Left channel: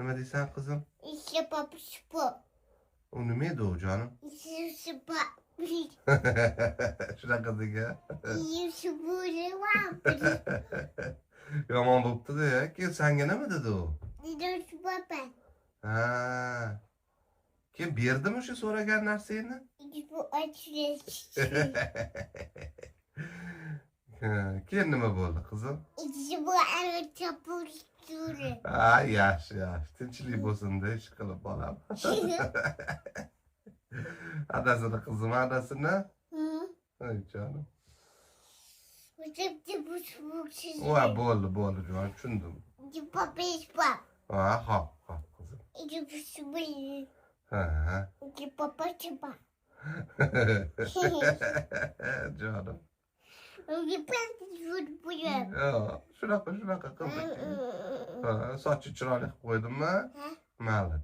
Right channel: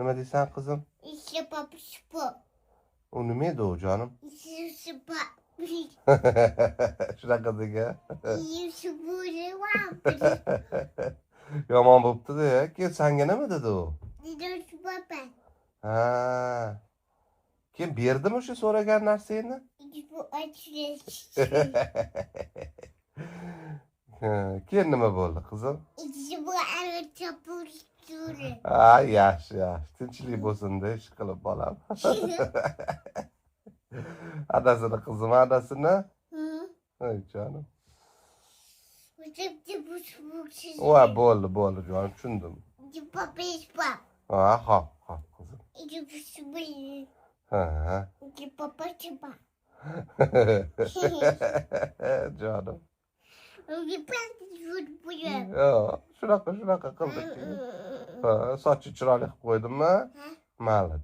Nima deysan qizim? U nima edi u jonim? Shunaqa degan. Yomon bo'pti-da. Keyin senga nima dedi u? Ha. Keyin berdimi o'sha so'ragan narsangni? Keyin nima bo'ldi qizim? Ha, yaxshi, yaxshi. Tinchlik bo'lsin-da, ish qilib bolam. Adasini qizim, adasini. Ey jonim. Voy, bo'ldi, jonim, tushundim. Ha, hop, qizim. Ha. Jonim. Shunaqa qildik. Ha, sochi chiroyli qilib qo'ydimmi? Mayli.